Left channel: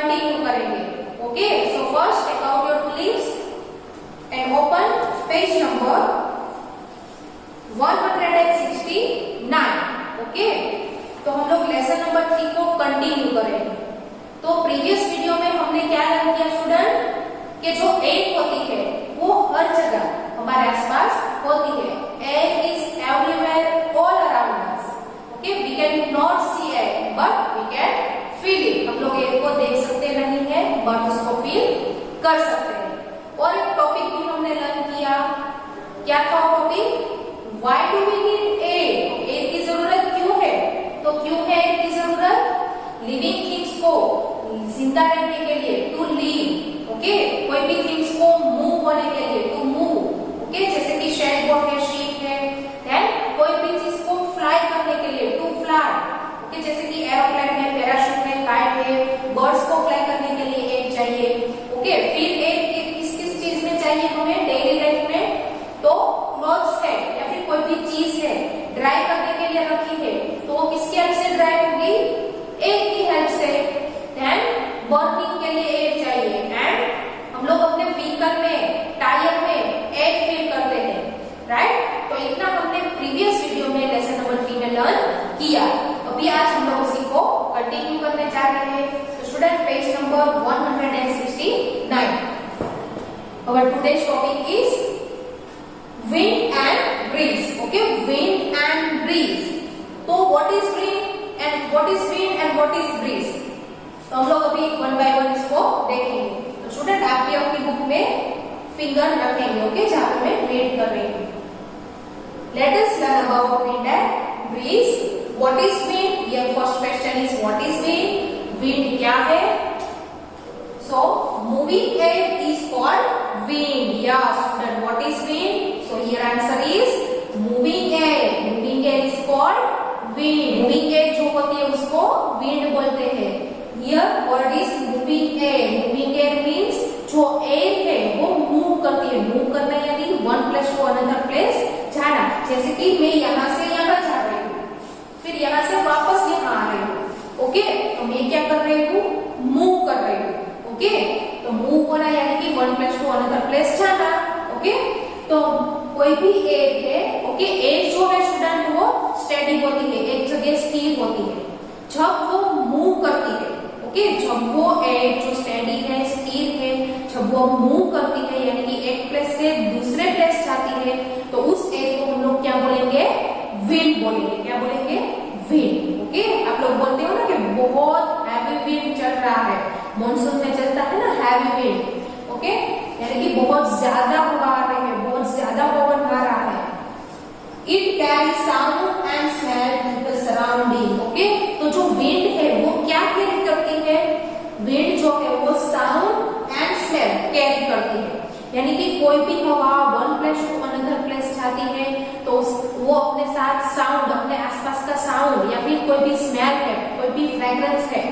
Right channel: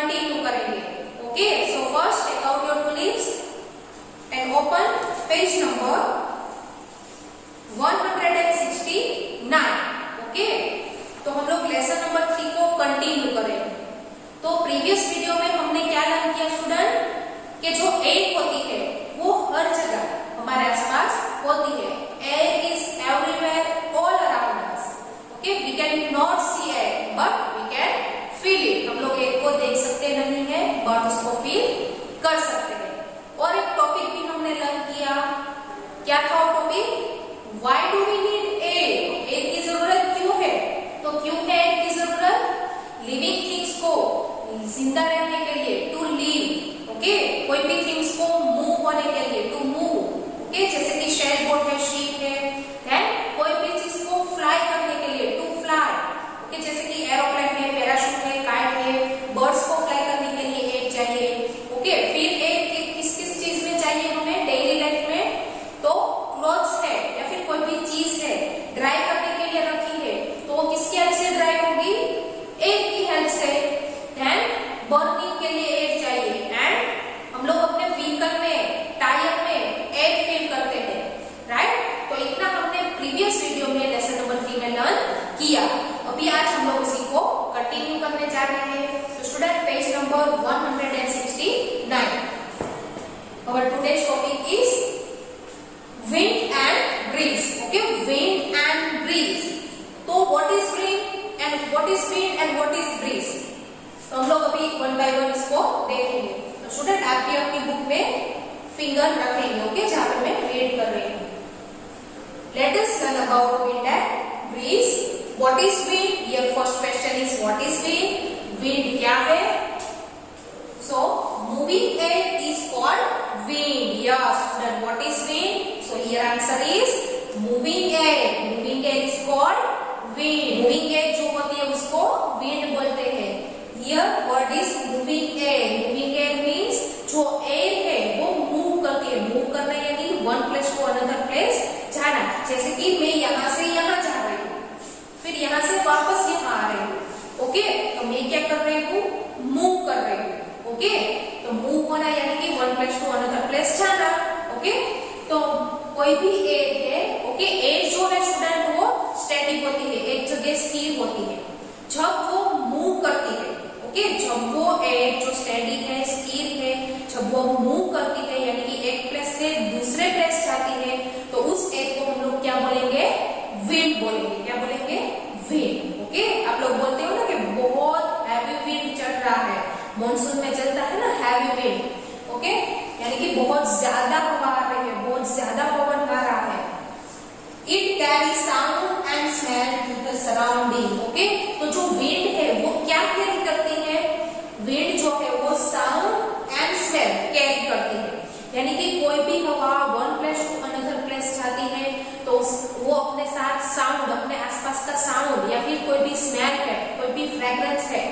Continue करेंगे। Okay, so first take out your books and open page number 169। Okay, तो हम लोग lesson number 3 को कंटिन्यू करेंगे। तो प्रीवियस वीडियो में हमने क्या लर्न किया स्टूडेंट, कि जो एयर होती है वो हर जगह हमारे आसपास होती है। Air is everywhere all around us. Okay, we can not see air but we can feel it. हम लोग एयर को देख सकते नहीं है बट उसको फील कर सकते हैं। और एक टॉपिक भी हमने लर्न किया, क्या था वो topic, why do we need air, air की जरूरत क्यों है। तो क्यों है एयर की जरूरत, लिविंग थिंग्स को जिंदा रहने के लिए, टू लिव। ओके, कोई भी थिंग्स को मूव होने के लिए, टू मूव। ओके, जैसे कि शेड बोट है, शीप है, कोई भी चीज को फ्लाई करने के लिए, टू फ्लाई। ओके, जैसे कि एरोप्लेन है, पैराशूट है, काइट है, बर्ड्स को फ्लाई करने के लिए एयर चाहिए। ओके, फिर एयर किस किस चीज में चाहिए हमें डेली लाइफ में, तो क्लॉथ्स है या फिर कोई भी चीज है ड्राई करने के लिए रखी है, तो वो किसकी हेल्प से ड्राई होगी, एयर की हेल्प से। बर्निंग के लिए एयर चाहिए एंड हम लोग अपने व्हीकल में, टायर में एयर फिल करते हैं, राइट। तो इतना हमने प्रीवियस वीडियो में लेसन नंबर 3 में लर्न किया। अभी आज हम लोग उसी को कंटिन्यू करने जा रहे हैं। तो student page number 169, our today's topic is wind and breeze. Okay, wind and breeze. तो what is wind and what is breeze? तो हम लोग अभी वन बाय वन इसको देखेंगे। तो स्टूडेंट आप भी अपनी बुक में फिंगर रखेंगे, ओके, जहां पे मैं रीड कर रही हूँ। Let us learn about wind and breeze. What is wind, ये first question is what is wind, wind क्या है। So moving air is called wind. Yes student, what is wind, so here answer is moving air. Moving air is called wind. Moving air जो होती है उसको wind बोलते हैं। Here word is moving air. Moving air means जो air है वो move करती है। मूव करना यानी one place to another place जाना। जैसे कि मैं यहाँ से यहाँ जा रही हूँ, फिर यहाँ से वापस यहाँ आ रही हूँ। ओके, तो मैं क्या कर रही हूँ, मूव कर रही हूँ। ओके, तो मूव होना यानी कि one place to another place जाना। ओके, तो कोई भी एयर है, ओके, एयर जो है स्टूडेंट वो स्टैटिक होती है, एक जगह स्थिर होती है। जब वो मूव करती है, ओके, जब वो एयर जो स्टेडी है, स्थिर है, जब वो मूव करती है यानी कि एक प्लेस से दूसरे प्लेस जाती है, तो उस एयर को हम लोग क्या बोलेंगे, विंड बोलेंगे। क्या बोलेंगे, विंड। ओके, आप लोग बोलते हो ना कि बहुत हैवी विंड चल रहा है, मॉनसून में चलता है ना हैवी विंड। ओके, यानी कि बहुत ज्यादा हवा आ रही है, बहुत ज्यादा पवन आ रहा है। It carries sound and smell to the surrounding. Okay, तो जो विंड है वो क्या कैरी करती है, विंड जो है वो साउंड एंड स्मेल कैरी करती है। यानी कि कोई भी हवा one place to another place जाती है तो वो अपने साथ साउंड, अपने आसपास का साउंड या फिर कोई भी स्मेल है, कोई भी फ्रेग्रेंस है,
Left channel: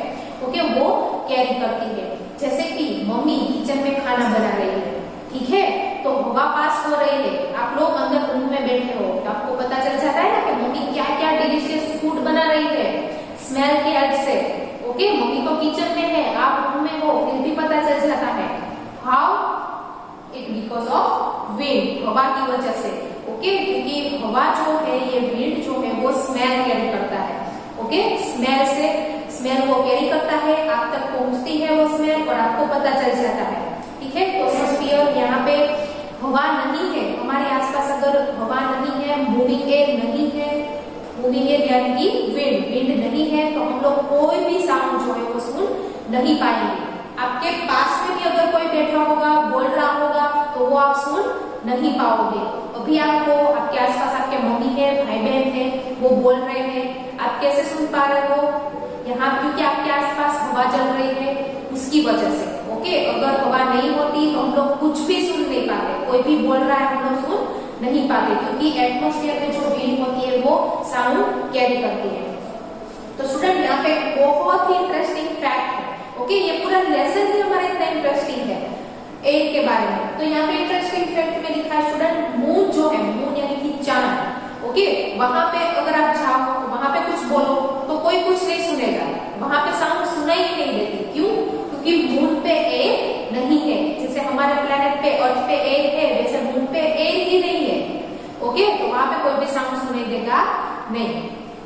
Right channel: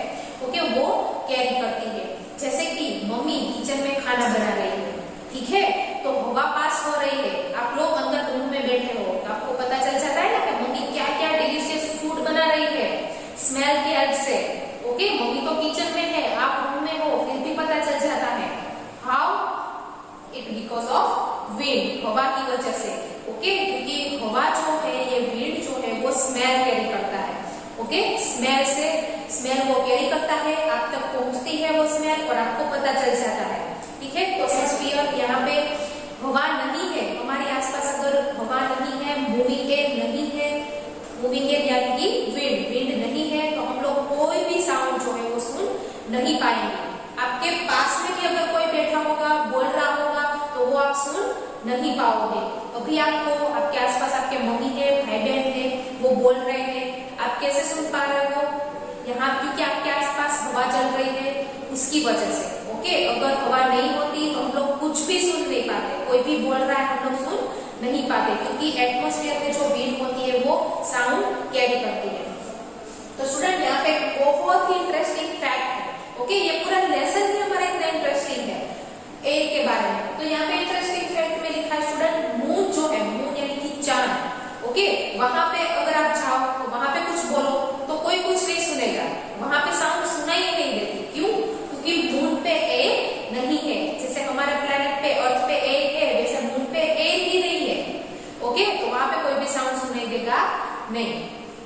ओके, वो कैरी करती है। जैसे कि मम्मी किचन में खाना बना रही है, ठीक है, तो हवा पास हो रही है, आप लोग अंदर रूम में बैठे हो तो आपको पता चल जाता है ना कि मम्मी क्या क्या डिलीशियस फूड बना रही है स्मेल की हेल्प से। ओके, मम्मी तो किचन में है, आप रूम में हो, फिर भी पता चल जाता है। How, it because of wind, हवा की वजह से। ओके, क्योंकि हवा जो है, ये विंड जो है वो स्मेल कैरी करता है। ओके, स्मेल वो कैरी करता है, आप तक पहुंचती है वो स्मेल और आपको पता चल जाता है। ठीक है, तो एटमॉस्फेयर यहाँ पे हवा नहीं है, हमारे आसपास अगर हवा नहीं है, मूविंग एयर नहीं है, मूविंग एयर यानी कि विंड नहीं है, तो हम लोग कोई भी साउंड जो है वो सुन नहीं पाएंगे। आपके पास में भी अगर कोई बैठा होगा, बोल रहा होगा, तो वो आप सुन नहीं पाओगे। अभी आपको आपके आसपास आपके मम्मी है, भाई बहन है, वो बोल रहे हैं, आप कैसे सुन पा रहे हो, यहाँ क्योंकि आपके आसपास हवा चल रही है उसकी वजह से। ओके, अगर हवा नहीं होती तो हम लोग कुछ भी सुन नहीं पाते, कोई भी बोल रहा है हम लोग सुन नहीं पाते, क्योंकि एटमॉस्फेयर में जो विंड होती है वो साउंड कैरी करती है। तो स्टूडेंट यहाँ पे बहुत ही इंटरेस्टिंग फैक्ट है। ओके, ये पूरा लेसन ही हमारा इतना इंटरेस्टिंग है एयर के बारे में। तो यहाँ पे इंटरेस्टिंग फैक्ट में लिखा है स्टूडेंट, मून जो है, मून यानी कि चांद, ओके, वहां पे अगर आप जाओ तो वहां पे कुछ बोलो तो कोई कुछ नहीं सुनेगा, वहां पे साउंड सुनाई ही नहीं देती। क्यों? क्योंकि नहीं।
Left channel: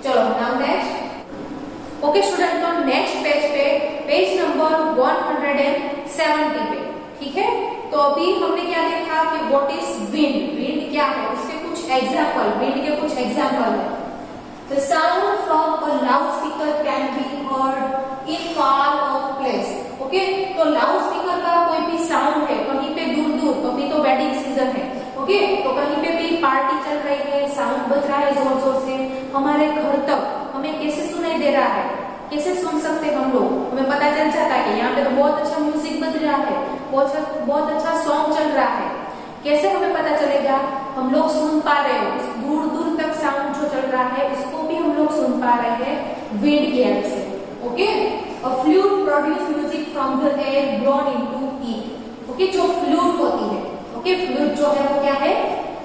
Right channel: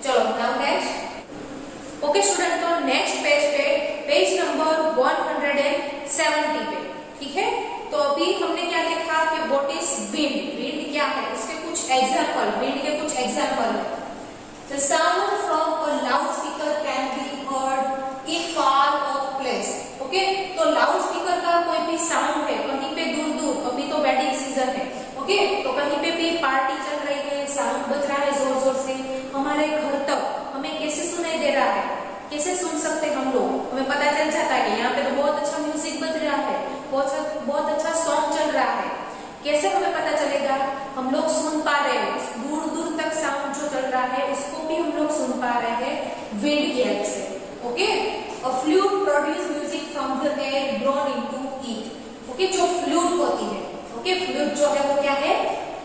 चलो नाउ नेक्स्ट। ओके स्टूडेंट, तो नेक्स्ट पेज पे पेज नंबर 170 पे, ठीक है। तो अभी हमने क्या देखा कि व्हाट इज विंड, विंड क्या है, इसके कुछ एग्जांपल, विंड के कुछ एग्जांपल है। The sound from a loudspeaker can be heard in far off place. Okay, तो लाउडस्पीकर का कोई भी साउंड है कहीं पे दूर दूर, अभी तो वेडिंग सीजन है, ओके, तो कहीं पे भी पार्टी चल रही है, साउंड बज रहा है जोर जोर से, हमारे घर तक हमें कैसे सुनाई दे रहा है, कैसे सुन सकते हैं हम लोग, हमें पता चल जाता है कि यहाँ पे तो बहुत अच्छा म्यूजिक बज रहा है, बहुत अच्छा सॉन्ग चल रहा है। कैसे हमें पता चलेगा, हम लोग सुन पा रहे हो, उस दूर दूर तक साउंड जो चल रहा है उसको भी हम लोग सुन पा रहे हैं विंड की हेल्प से। Okay, a flute produce music from the air blown into it. Okay, जो फ्लूट होती है, ओके, फ्लूट जो है वो क्या है,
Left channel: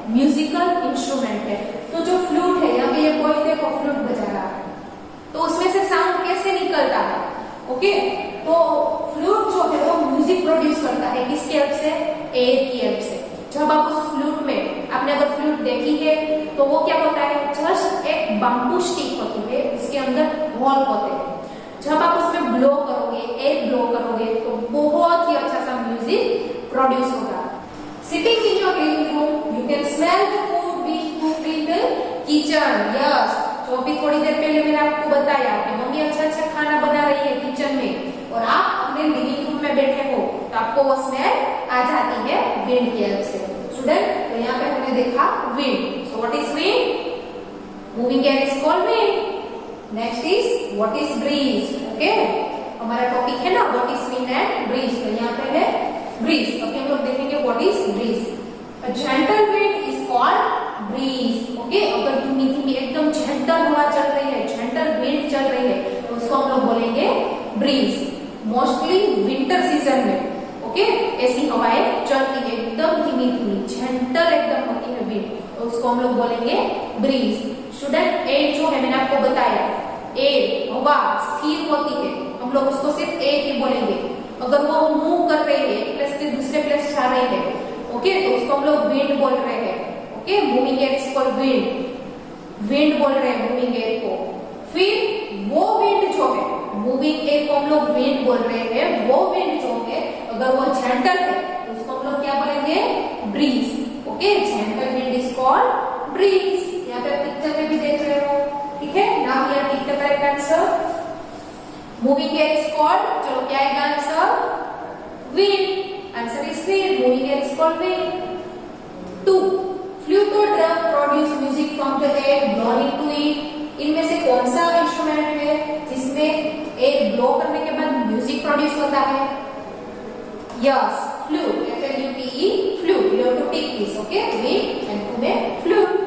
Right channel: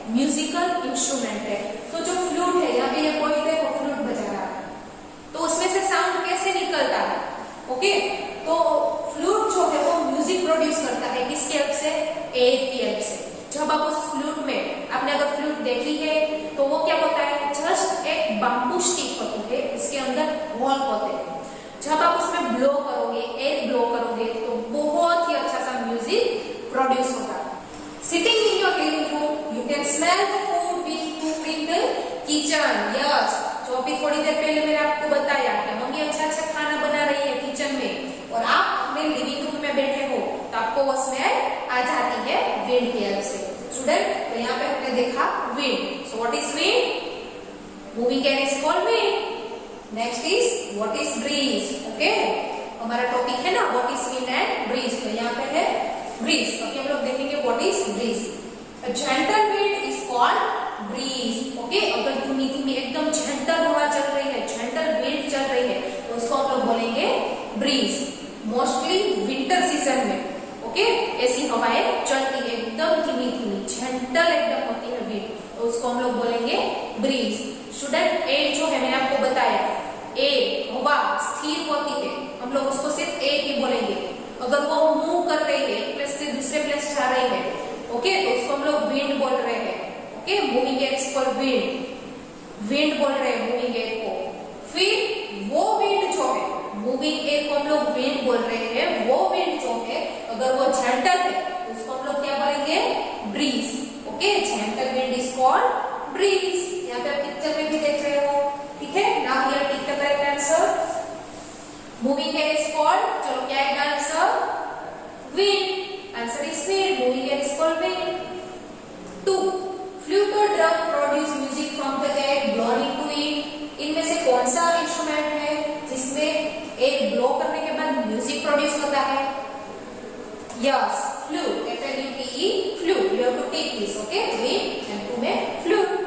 म्यूजिकल इंस्ट्रूमेंट है। तो जो फ्लूट है, यहाँ पे ये कोई देखो फ्लूट बजा रहा है, तो उसमें से साउंड कैसे निकलता है, ओके, तो फ्लूट जो है वो म्यूजिक प्रोड्यूस करता है, किसकी हेल्प से, एयर की हेल्प से। जब आप उस फ्लूट में, आपने अगर फ्लूट देखी है तो वो क्या होता है, जस्ट एक बाम्बू स्टिक होती है, उसके अंदर होल होते हैं। जब आप उसमें ब्लो करोगे, एयर ब्लो करोगे, तो बहुत ही अच्छा सा म्यूजिक प्रोड्यूस होगा। Sitting in your living room you can smell the food which cooked in the kitchen. Yes, जो अभी थोड़ी देर पहले मैंने आपको बताया कि मम्मी अच्छा अच्छा खाना बना रही है किचन में, और आप अपने लिविंग रूम में बैठे हो तो आपको वो स्मेल आ जाती है विंड की हेल्प से। स्टूडेंट, तो यहाँ पे हमने देखा wind. So what is wind, moving air is called wind. Next is what is breeze. Okay, हमारा टॉपिक है ना what is wind and breeze, तो यहाँ पे है ब्रीज। अभी हम लोग देखेंगे what is breeze. A gentle wind is called breeze. Okay, अगर धीमी धीमी एकदम जेंटल हवा चल रही है, जेंटल विंड चल रही है, तो उसको हम लोग बोलेंगे ब्रीज। मोस्टली विंटर सीजन में, ओके, ऐसी हवाएं चलती है, एकदम धीमी धीमी जेंटल एकदम होती है विंड, तो उसको हम लोग बोलेंगे ब्रीज। स्टूडेंट, एयर जो है मैंने आपको बताया, एयर हवा स्थिर होती है, हम लोग उसको सिर्फ एयर ही बोलेंगे। अगर वो मूव कर रही है, एक प्लेस से दूसरे प्लेस जा रही है, ओके, तो उसको हम लोग विंड बोल रहे हैं। Okay, moving air is called wind, wind बोल रहे हैं मूविंग एयर को। फिर वो विंड जो है, मूविंग एयर को हम लोग विंड बोल रहे हैं, वो विंड जो है अगर वो जेंटल है तो उसको हम लोग क्या बोलेंगे, breeze. Okay, gentle wind is called breeze. यहाँ पे पिक्चर में भी देख रहे हो, ठीक है। Now here tick the correct answer, moving air is called, चलो क्या है answer, wind. Answer is wind, moving air is called wind. 2, flute और drum produce music from the air blown into it. इनमें से कौन सा इंस्ट्रूमेंट है जिसमें एयर ब्लो करने के बाद म्यूजिक प्रोड्यूस होता है? Yes, flute, FLUTE, flute. You have to take this, okay, wind and 2 में फ्लूट।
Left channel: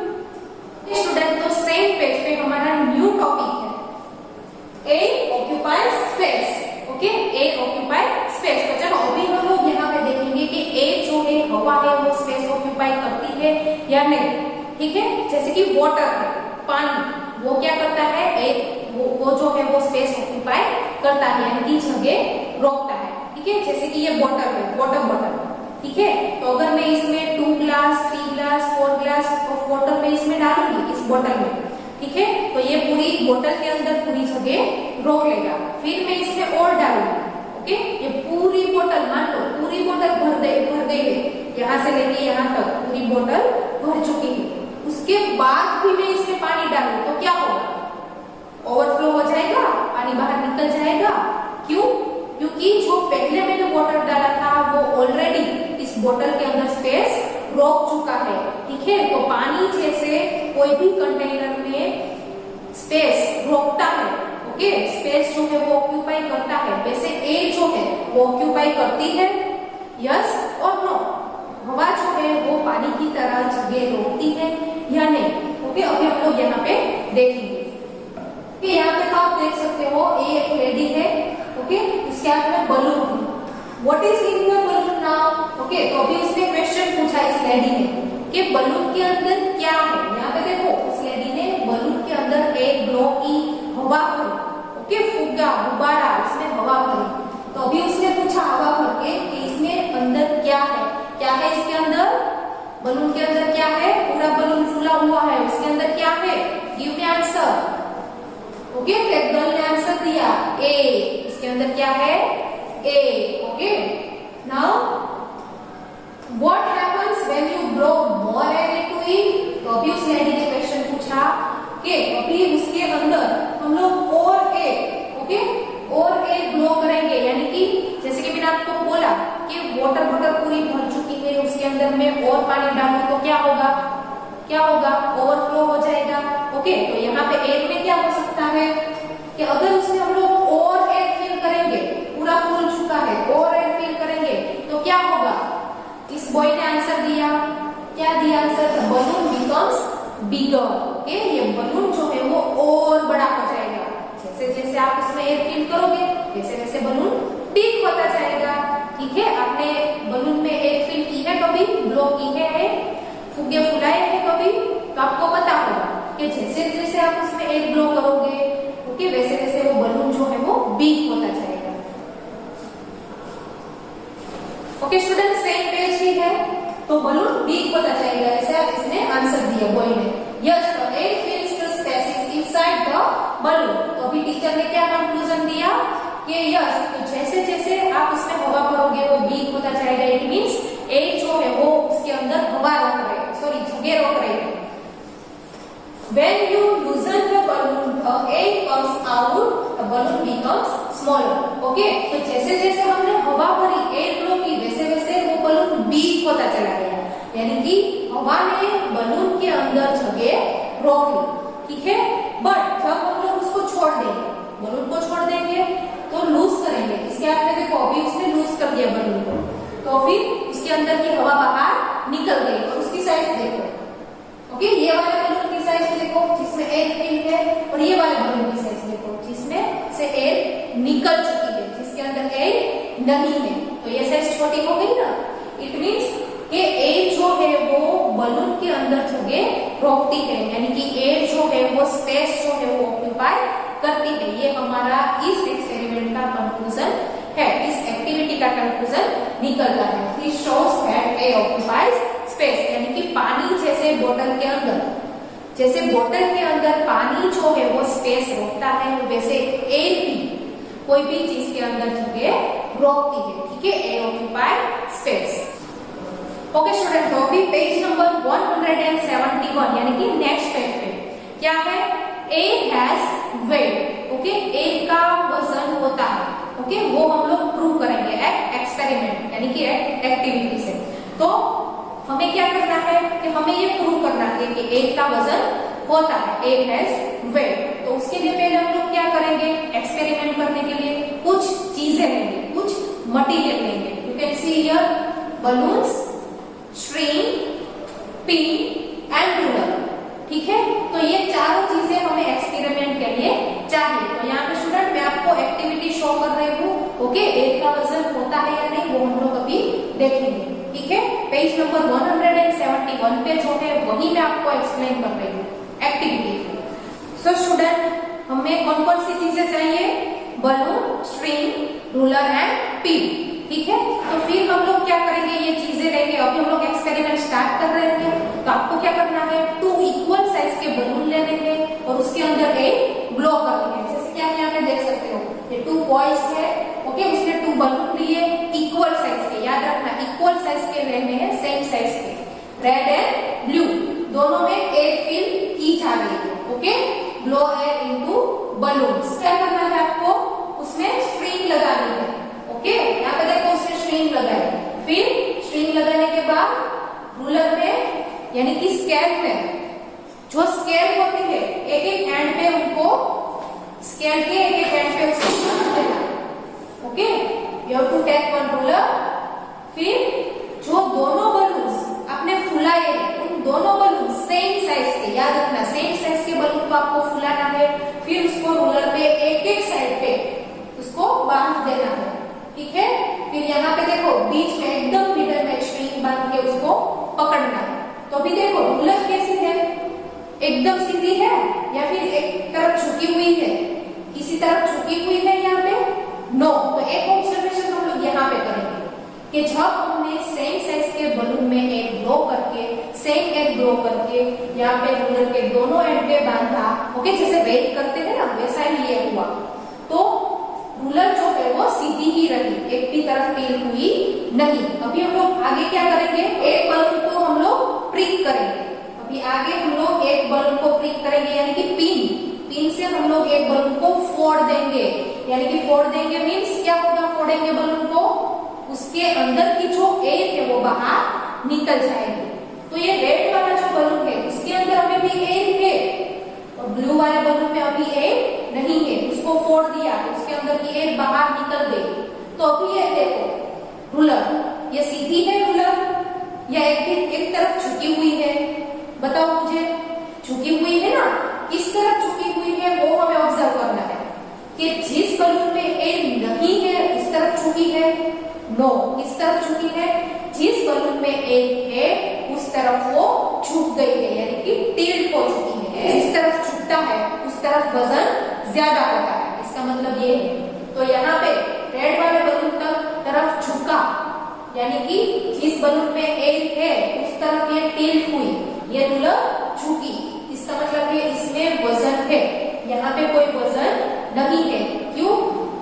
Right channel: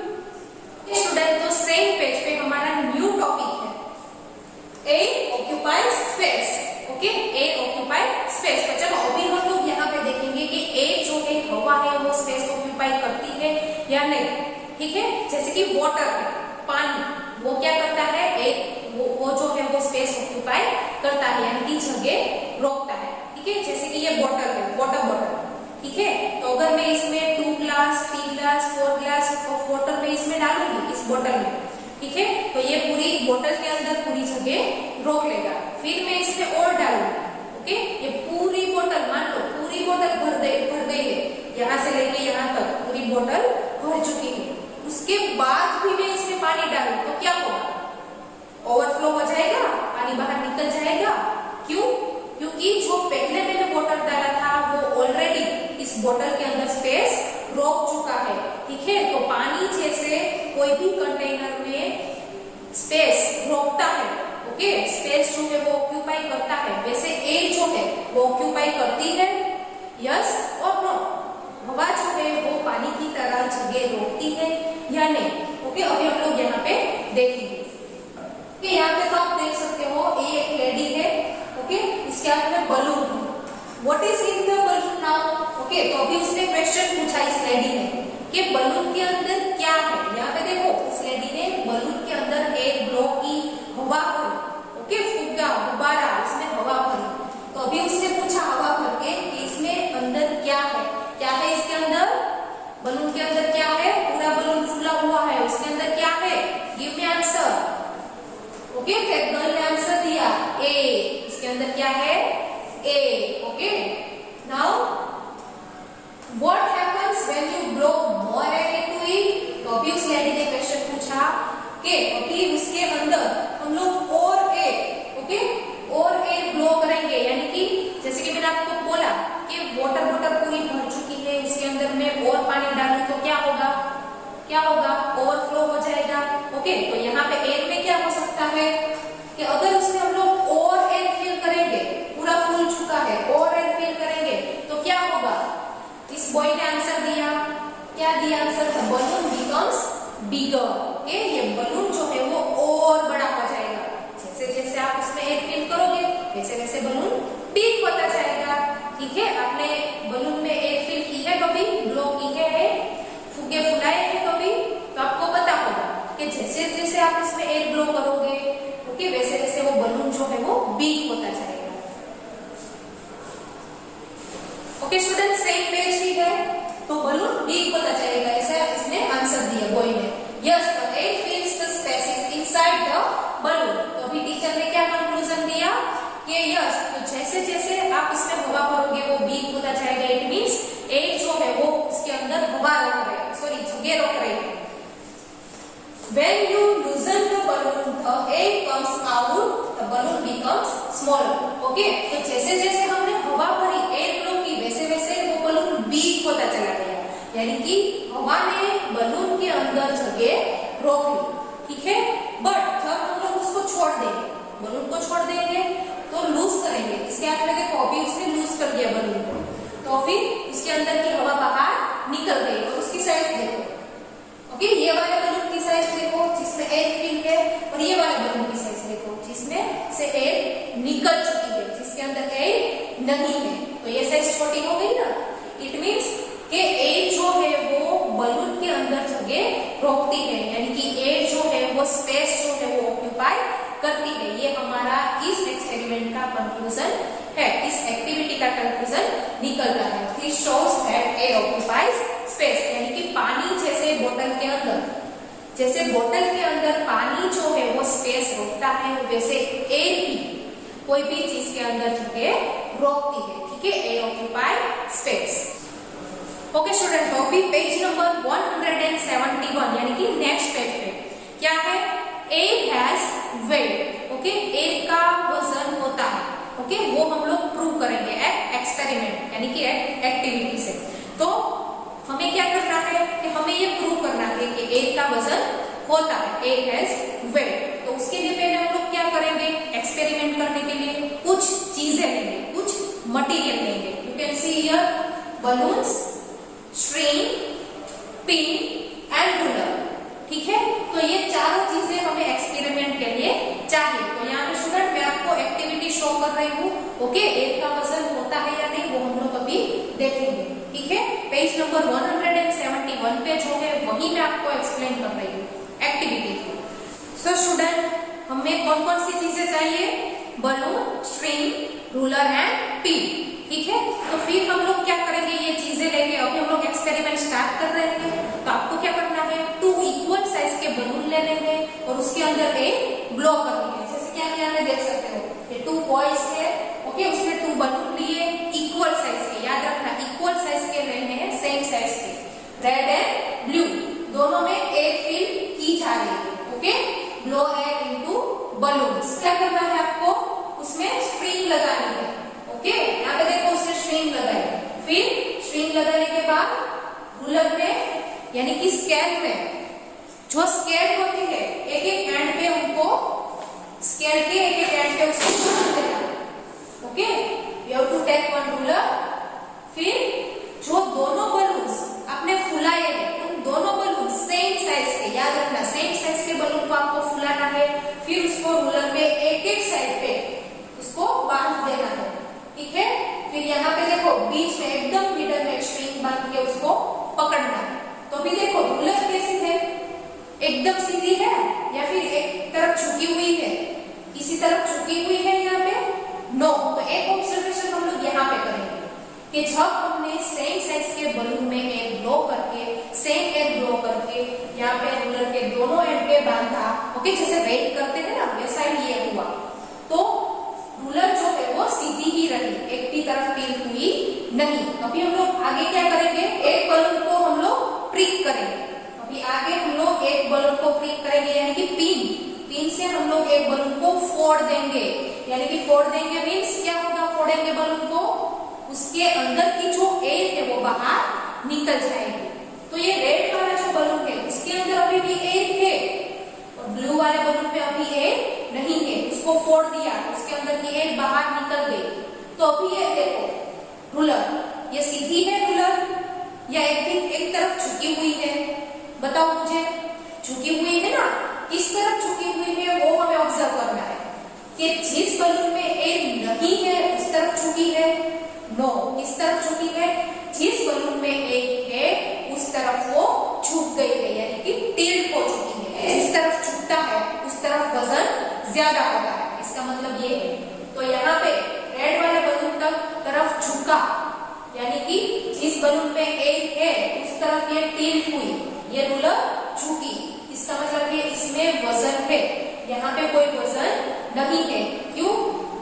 स्टूडेंट, तो सेम पेज पे हमारा न्यू टॉपिक है, air occupies space. Okay, air occupies space. तो चलो अभी हम लोग यहाँ पे देखेंगे कि एयर जो है, हवा है, वो स्पेस ऑक्यूपाई करती है या नहीं, ठीक है। जैसे कि वाटर है, पानी, वो क्या करता है, एयर वो जो है वो स्पेस ऑक्यूपाई करता है, यानी कि जगह रोकता है, ठीक है। जैसे कि ये बॉटल है, वाटर बॉटल, ठीक है। तो अगर मैं इसमें 2 glass, 3 glass, 4 glass of water में इसमें डालूंगी, इस बोतल में, ठीक है, तो ये पूरी बोतल के अंदर पूरी जगह रोक लेगा। फिर मैं इसमें और डालूंगी, ओके, ये पूरी बोतल, मान लो पूरी बोतल भर गई है, यहाँ से लेके यहाँ तक पूरी बोतल भर चुकी है। उसके बाद भी मैं इसमें पानी डालूं तो क्या होगा, ओवरफ्लो हो जाएगा, पानी बाहर निकल जाएगा। क्यों? क्योंकि जो पहले मैंने वाटर डाला था वो ऑलरेडी इस बोतल के अंदर स्पेस रोक चुका है, ठीक है। तो पानी जैसे कोई भी कंटेनर में स्पेस रोकता है, ओके, स्पेस जो है वो ऑक्यूपाई करता है, वैसे एयर जो है वो ऑक्यूपाई करती है, यस और नो। हवा जो है वो पानी की तरह जगह रोकती है या नहीं, ओके। अभी हम लोग यहाँ पे देखेंगे, यहाँ पे तो आप देख सकते हो, ये एक लेडी है, ओके, इसके हाथ में balloon. What is in the balloon now, okay. तो अभी उसने क्वेश्चन पूछा इस लेडी ने कि बलून के अंदर क्या है। यहाँ पे देखो, इस लेडी ने बलून के अंदर एक ब्लो की हवा भरी, ओके, फुग्गा, गुब्बारा, इसमें हवा भरी। तो अभी उसने पूछा हवा भर के कि इसमें अंदर क्या है, क्या है इसके अंदर, बलून के अंदर क्या है, पूरा बलून फूला हुआ है, उसके अंदर क्या है, गिव मी आंसर। ओके, एक गर्ल ने आंसर दिया ए, इसके अंदर क्या है A. Okay, now what happens when you blow more air into it. तो अभी उस लेडी ने क्वेश्चन पूछा कि अभी उसके अंदर हम लोग और एयर, ओके, और एयर ब्लो करेंगे, यानी कि जैसे कि मैंने आपको बोला कि वाटर बॉटल पूरी भर चुकी है, उसके अंदर मैं और पानी डालूं तो क्या होगा, क्या होगा, ओवरफ्लो हो जाएगा। ओके, तो यहाँ पे एयर में क्या हो सकता है कि अगर उसमें हम लोग और एयर फिल करेंगे, पूरा फुल चुका है, और एयर फिल करेंगे तो क्या होगा। इस बॉय ने आंसर दिया, क्या दिया आंसर, बलून बिकम्स बिगर। ओके, ये बलून जो है वो और बड़ा हो जाएगा। जैसे जैसे आप उसमें एयर फिल करोगे वैसे वैसे बलून बिग होता जाएगा। ठीक है, आपने बलून में एयर फिल की है कभी, ब्लो की है, फुगे फुलाए हैं कभी, तो आपको पता होगा कि जैसे जैसे आप उसमें एयर ब्लो करोगे, ओके, वैसे वैसे वो बलून जो है वो बिग होता जाएगा। ओके स्टूडेंट, सेम पेज ही है, तो बलून बिग होता जाएगा, ऐसा इसने आंसर दिया बॉय ने। Yes, the air फिल्स the space inside the balloon. तो अभी टीचर ने क्या कंक्लूजन दिया कि यस, तो जैसे जैसे आप उसमें हवा भरोगे वो बिग होता जाएगा। इट मींस एयर जो है वो उसके अंदर हवा रोक रहे हैं, सॉरी जगह रोक रहे हैं। When you loosen the balloon, the air comes out, the balloon becomes smaller. Okay, तो जैसे जैसे हमने हवा भरी, एयर ब्लो की, वैसे वैसे वो बलून बिग होता चला गया, यानी कि हवा ने बलून के अंदर जगह रोक ली। ठीक है, बट जब हम लोग उसको छोड़ देंगे, बलून को छोड़ देंगे तो लूज करेंगे। इसके हाथ में देखो, अभी उसने लूज कर दिया बलून को, तो फिर उसके अंदर की हवा बाहर निकल गई। और उसकी साइज देखो, ओके, ये वाले बलून की साइज देखो जिसमें एयर फिल है, और ये वाले बलून की साइज देखो जिसमें से एयर निकल चुकी है, जिसके अंदर एयर नहीं है। तो ये साइज छोटी हो गई ना। इट मीन्स कि एयर जो है वो बलून के अंदर जगह रोकती है, यानी कि एयर जो है वो स्पेस जो है वो ऑक्यूपाई करती है। ये हमारा इस एक्सपेरिमेंट का कंक्लूजन है, इस एक्टिविटी का कंक्लूजन निकल रहा है। This shows that air occupies space, यानी कि पानी जैसे बोतल के अंदर, जैसे बोतल के अंदर पानी जो है वो स्पेस रोकता है, वैसे एयर भी कोई भी चीज के अंदर जगह रोकती है। ठीक है, air occupy space. Okay student, तो अभी पेज नंबर 171 यानी कि नेक्स्ट पेज पे क्या है, air has weight. Okay, air का वजन होता है। ओके, वो हम लोग प्रूव करेंगे एक्सपेरिमेंट यानी कि एक्टिविटी से। तो हमें क्या करना है कि हमें ये प्रूव करना है कि एयर का वजन होता है, एयर हैज वेट। तो उसके लिए पहले हम लोग क्या करेंगे, एक्सपेरिमेंट करने के लिए कुछ चीजें लेंगे, कुछ मटेरियल लेंगे। You can see here balloons, string, pin and ruler. ठीक है, तो ये चारों चीजें हमें एक्सपेरिमेंट के लिए चाहिए। तो यहाँ पे स्टूडेंट मैं आपको एक्टिविटी शो कर रही हूँ। ओके, एयर का वजन होता है या नहीं वो हम लोग अभी देखेंगे। ठीक है, पेज नंबर 171 पे जो है वही मैं आपको एक्सप्लेन कर रही हूँ एक्टिविटी। सो स्टूडेंट, हमें कौन कौन सी चीजें चाहिए, balloon, string, ruler and pin. ठीक है, तो फिर हम लोग क्या करेंगे, ये चीजें लेंगे। अभी हम लोग एक्सपेरिमेंट स्टार्ट कर रहे हैं, तो आपको क्या करना है, 2 इक्वल साइज के बलून ले लेंगे और उसके अंदर एक ब्लो कर लेंगे। जैसे कि आप यहाँ पे देख सकते हो, ये 2 बॉयज है। ओके, उसने 2 बलून लिए इक्वल साइज के, याद रखना इक्वल साइज के लेने हैं, सेम साइज के, रेड एंड ब्लू, दोनों में एयर फिल की जा रही है। Okay, blow air into balloons. क्या करना है आपको, उसमें स्ट्रिंग लगानी है। ओके, यहाँ पे देखो उसने स्ट्रिंग लगाई, फिर स्ट्रिंग लगाने के बाद रूलर पे यानी कि स्केल में, जो स्केल होती है एक एक एंड पे उनको, स्केल के एक एक एंड पे उसको okay, you have to take one ruler. फिर जो दोनों बलून्स आपने फुलाए हैं, उन दोनों बलून सेम साइज के, याद रखना सेम साइज के बलून को आपको फुलाना है। फिर उसको रूलर पे एक एक साइड पे उसको बांध देना है। ठीक है, फिर यहाँ पे देखो बीच में एकदम मिडल में स्ट्रिंग बांध के उसको पकड़ना है। तो अभी देखो रूलर कैसी है, एकदम सीधी है या फिर एक तरफ झुकी हुई है, किसी तरफ झुकी हुई है यहाँ पे, नो। तो एक ऑब्जर्वेशन हम लोग यहाँ पे करेंगे कि जब हमने सेम साइज के बलून में एक ब्लो करके, सेम एयर ब्लो करके यहाँ पे रूलर के दोनों एंड पे बांधा, ओके, जैसे वेट करते हैं ना वैसा ही ये हुआ। तो रूलर जो है वो सीधी ही रही, एक भी तरफ टिल्ट हुई नहीं। अभी हम लोग आगे क्या करेंगे, एक बलून को हम लोग प्रिक करेंगे। अभी आगे हम लोग एक बलून को प्रिक करेंगे, यानी कि पिन से हम लोग एक बलून को फोड़ देंगे। यानी कि फोड़ देंगे मीन्स क्या होगा, फोड़ेंगे बलून को, उसके अंदर की जो एयर है वो बाहर निकल जाएगी। तो ये रेड वाला जो बलून है इसके अंदर अभी भी एयर है, और ब्लू वाले बलून में अभी एयर नहीं है। उसको फोड़ दिया, उसके अंदर की एयर बाहर निकल गई। तो अभी ये देखो रूलर, ये सीधी है रूलर या एक तरफ झुकी हुई है, बताओ मुझे। झुकी हुई है ना, किस तरफ झुकी हुई है वो हमें ऑब्जर्व करना है कि जिस बलून में एयर नहीं है उस तरफ झुकी है। नो, किस तरफ झुकी है, जिस बलून में एयर है उस तरफ वो झुक गई है, यानी कि टिल्ट हो चुकी है। जिस तरफ झुकता है उस तरफ वजन ज्यादा होता है, इसका मतलब ये है। तो यहाँ पे रेड वाले बलून तरफ झुका, यानी कि जिस बलून में एयर है उस तरफ ये टिल्ट हुई, ये रूलर झुकी। इसका मतलब ये इसमें वजन है, यहाँ पे कोई वजन नहीं है। क्यों,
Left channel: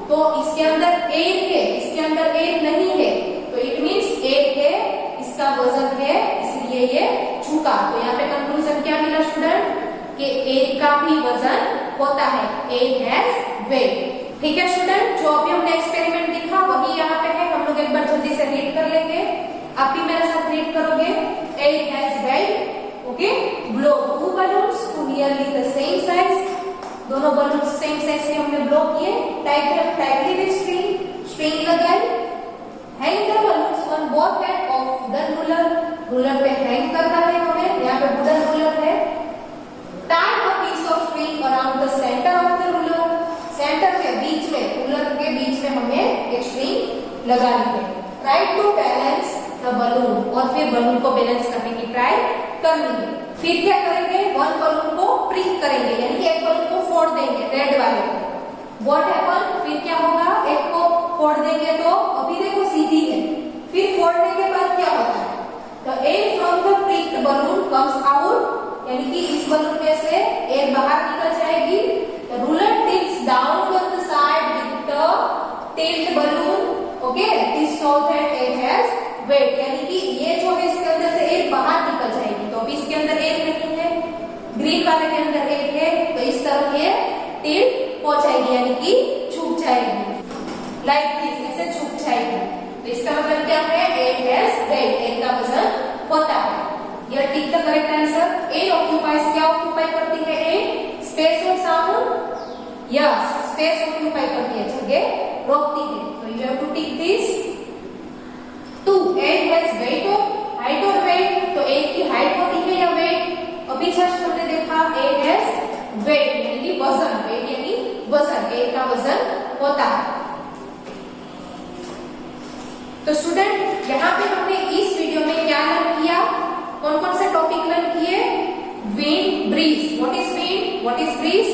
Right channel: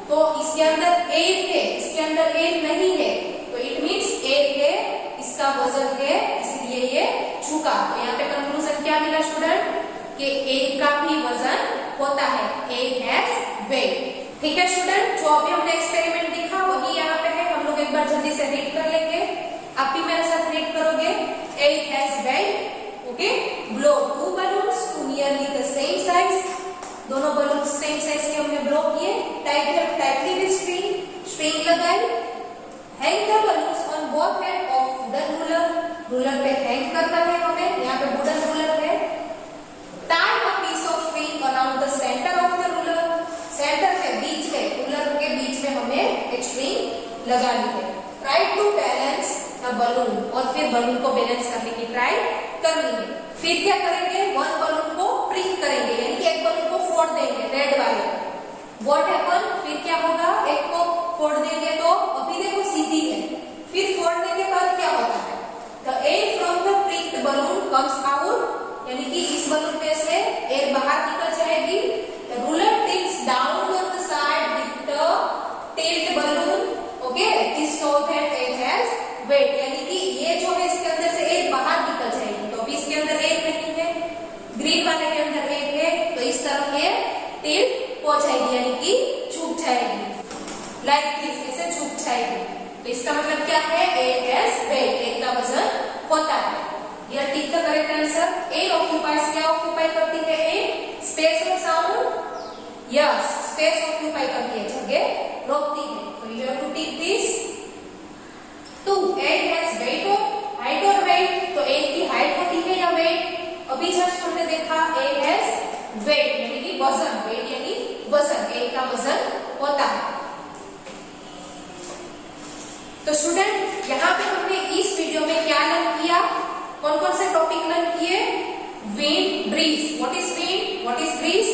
तो इसके अंदर एयर है, इसके अंदर एयर नहीं है, तो इट मीन्स एयर है, इसका वजन है, इसलिए ये झुका। तो यहाँ पे कंक्लूजन क्या मिला स्टूडेंट, कि एयर का भी वजन होता है, एयर हैज वेट। ठीक है स्टूडेंट, जो अभी हमने एक्सपेरिमेंट दिखा वही यहाँ पे है। हम लोग एक बार जल्दी से रीड कर लेंगे, आप भी मेरे साथ रीड करोगे। Air has weight, okay, blow 2 balloons to nearly the same size, दोनों बलून सेम साइज से हमने ब्लो किए। टाइटली विद स्ट्रिंग लगाई। Hang the balloons on both end of wooden ruler, ruler पे हैंग करना है हमें, यहाँ पे वुडन रूलर है। Tie a piece of string around the centre of the ruler, centre के बीच में, रूलर के बीच में हमें एक स्ट्रिंग लगानी है। Try to balance the balloon, और फिर बलून को बैलेंस करने की ट्राई करनी है। फिर क्या करेंगे, वन बलून को प्रिक करेंगे, यानी कि एक बलून को फोड़ देंगे, रेड वाले को। व्हाट हैपन, फिर क्या होगा, एक को फोड़ देंगे तो अभी देखो सीधी है, फिर फोड़ने के बाद क्या होता है, the air from the pricked balloon comes out, यानी कि इस बलून में से एयर बाहर निकल जाएगी। The ruler tips down on the side with the tilt balloon, okay, this show that air has weight, यानी कि ये जो है इसके अंदर से एयर बाहर निकल जाएगी। तो अभी इसके अंदर एयर नहीं है, ग्रीन वाले के अंदर एयर है, तो इस तरफ ये टिल्ट हो जाएगी, यानी कि झुक जाएगी, लाइक दिस, ऐसे झुक जाएगी। तो इसका मतलब क्या है, एयर हैज वेट, एयर का वजन होता है। यह tick the correct answer. Air occupies, क्या ऑक्यूपाई करती है एयर, स्पेस और साउंड, यस, स्पेस ऑक्यूपाई करती है, जगह रोकती है। तो you have to tick this. 2, air has weight और हाइट और वेट, तो एयर की हाइट होती है या वेट, अभी जस्ट हमने देखा एयर हैज वेट, यानी कि वजन, वेट यानी वजन, एयर का वजन होता है। तो स्टूडेंट यहाँ पे हमने इस वीडियो में क्या लर्न किया, कौन कौन से टॉपिक लर्न किए, wind, breeze, what is wind, what is breeze,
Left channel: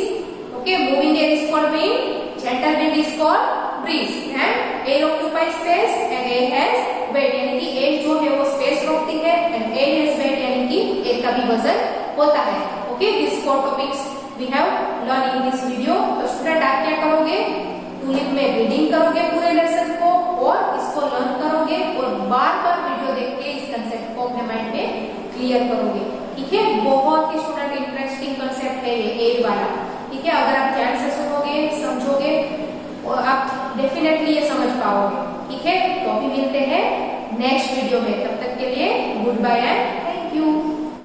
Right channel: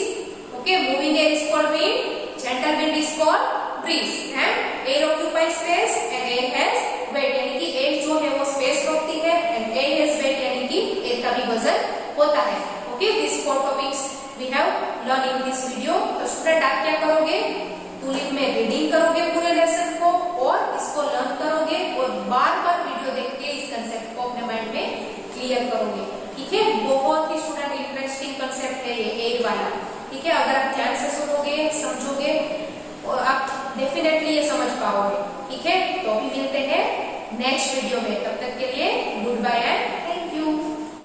okay, moving air is called wind, gentle wind is called breeze, and air occupies space and air has weight, यानी कि air जो है वो स्पेस रोकती है, and air has weight, यानी कि air का भी वजन होता है। Okay, this 4 topics we have learn in this video. तो स्टूडेंट आप क्या करोगे, टूलिप में रीडिंग करोगे पूरे लेसन को, और इसको लर्न करोगे, और बार बार वीडियो देख के इस कंसेप्ट को अपने माइंड में क्लियर करोगे। ठीक है, बहुत ही स्टूडेंट इंटरेस्टिंग कंसेप्ट है ये एयर वाला। ठीक है, अगर आप ध्यान से सुनोगे, समझोगे, और आप डेफिनेटली ये समझ पाओगे। ठीक है, तो अभी मिलते हैं नेक्स्ट वीडियो में, तब तक के लिए गुड बाय एंड